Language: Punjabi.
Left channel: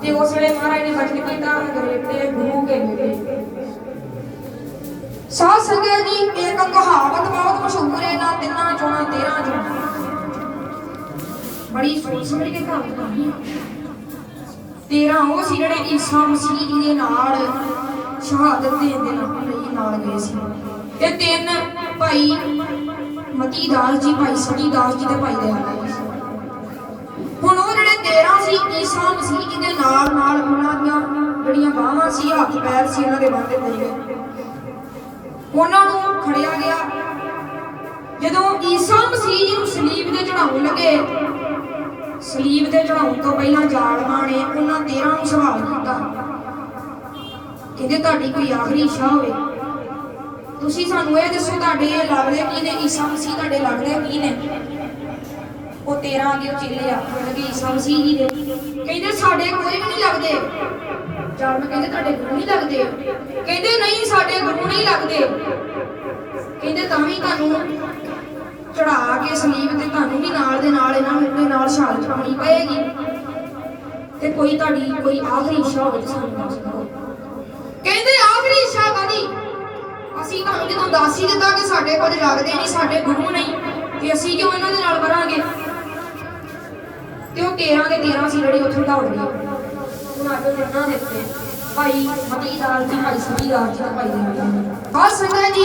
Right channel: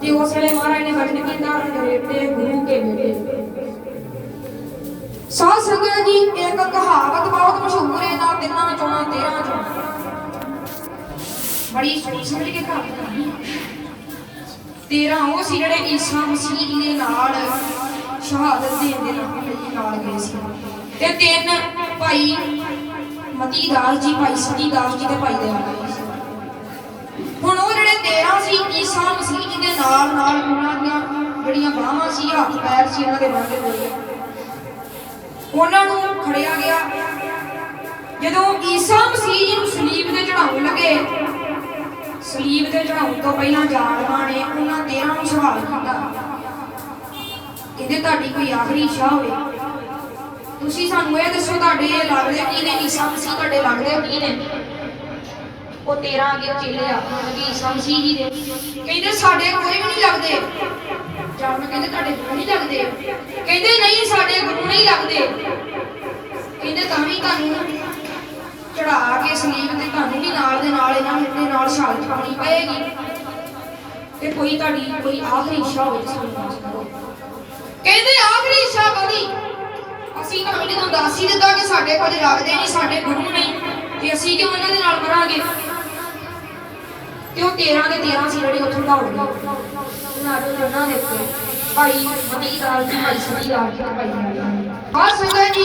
ਤੇ ਉਸ ਵੇਲੇ ਮਹਾਰਾਜ ਨੇ ਬਚਨ ਕੀਤਾ ਗਰੇਤੇ ਗੁਰੂ ਕੇ ਬੇਟੇ। ਸਾਧ ਸੰਗਤ ਜੀ ਇੱਕ ਕਹਾਵਤ ਬਹੁਤ ਮਸ਼ਹੂਰ ਹੈ ਨਾ ਤਿੰਨਾਂ ਚੋਣਾ ਤੇਰਾਂ ਚੋਣਾ। ਬੜੀ ਸੋਚ ਸਮਝ ਕੇ ਕਹਾਵਤ ਕਹੀ ਤੇਰਾਂ ਉਹ ਸੀ ਜਿਹੜੇ ਈਸਾ ਮਸੀਹ ਜੀ ਦੇ ਨਾਲ ਸ਼ਹਾਦਤ ਦੇ ਦੇ ਨਾਲ ਗਏ ਸੀ। ਤੇ ਤਿੰਨ ਭਾਈ ਮਤੀ ਦਾਸ ਜੀ, ਭਾਈ ਸਤੀ ਦਾਸ ਜੀ ਤੇ ਭਾਈ ਦਇਆਲ ਜੀ ਹੁਣ ਉਹ ਜਿਹੜੇ 13 ਸੀ ਈਸਾ ਮਸੀਹ ਜੀ ਦੇ ਨਾਲ ਨਾਲ ਉਹਨਾਂ ਦੀਆਂ ਜਿਹੜੀਆਂ ਬਾਹਾਂ ਸੀ, ਹੱਥ ਪੈਰ ਸੀ ਉਹਨਾਂ ਦੇ ਬੰਦੇ ਹੋਏ। ਉਹਨਾਂ ਨੂੰ ਖੜਿਆ ਗਿਆ। ਜਦੋਂ ਈਸਾ ਮਸੀਹ ਜੀ ਨੂੰ ਸਲੀਬ ਤੇ ਚੜਾਉਣ ਲੱਗੇ, ਸਲੀਬ ਤੇ ਚੜਾਉਣ ਤੋਂ ਪਹਿਲਾਂ ਜਾਲਮਾਂ ਨੇ ਉਹਨਾਂ 13 ਨੂੰ ਸਵਾਲ ਕੀਤਾ। ਕਹਿੰਦੇ, ਤੁਹਾਡੀ ਕੋਈ ਆਖਰੀ ਇੱਛਾ ਹੋਵੇ। ਤੁਸੀਂ ਸਾਨੂੰ ਇਹ ਦੱਸੋ, ਤੁਹਾਡੇ ਲੱਗਦੇ ਕੀ ਨੇ? ਈਸਾ ਮਸੀਹ ਤੁਹਾਡੇ ਲੱਗਦੇ ਕੀ ਨੇ? ਉਹ 13 ਅੱਗੇ ਚੇਲੇ ਆ ਲੱਗੇ ਈਸਾ ਮਸੀਹ ਦੇ ਕਹਿੰਦੇ ਸਾਡੇ ਕੋਈ ਵੀ ਨਹੀਂ ਲੱਗਦੇ। ਜਾਣ ਕਹਿੰਦੇ ਤੁਹਾਡੇ ਗੁਰੂ ਨਹੀਂ ਲੱਗਦੇ। ਕਹਿੰਦੇ ਨਹੀਂ, ਸਾਡੇ ਗੁਰੂ ਨਹੀਂ ਲੱਗਦੇ। ਕਹਿੰਦੇ ਤਾਂ ਵੀ ਤੁਹਾਨੂੰ ਚੜਾ ਕੇ ਸਲੀਬ ਤੇ ਤੁਹਾਨੂੰ ਵੀ ਨਾਲ ਦੇ ਨਾਲ ਇਹਨਾਂ ਦੇ ਨਾਲ ਸ਼ਹਾਦਤ ਪਾਉਣੀ ਪਏਗੀ। ਤੇ ਕੋਈ ਤੁਹਾਡੀ ਕੋਈ ਆਖਰੀ ਇੱਛਾ ਹੋਵੇ ਸਾਨੂੰ ਦੱਸ ਦਿਓ। ਕਹਿੰਦੇ ਆਖਰੀ ਇੱਛਾ ਕਾਦੀ ਅਸੀਂ ਤੁਹਾਨੂੰ ਜਦੋਂ ਦੱਸ ਹੀ ਦਿੱਤਾ ਕਿ ਸਾਡੇ ਕੋਲ ਲੱਗਦੇ ਨਹੀਂ, ਸਾਡੇ ਗੁਰੂ ਨਹੀਂ, ਤੇ ਅਸੀਂ ਕਿਉਂ ਇਹਨਾਂ ਦੇ ਨਾਲ ਤੇ ਉਹ 13 ਦੇ 13 ਸੀ ਜਿਹੜੇ ਉੱਥੇ ਦੌੜ ਗਏ? ਹੁਣ ਆਜੋ ਉਹਨਾਂ ਦੇ ਉੱਤੇ। ਭਾਈ ਮਤੀ ਦਾਲ ਜੀ ਭਾਈ ਸਤੀ ਦਾਲ ਜੀ ਭਾਈ ਹਾਂ ਸੰਗਤ ਜੀ।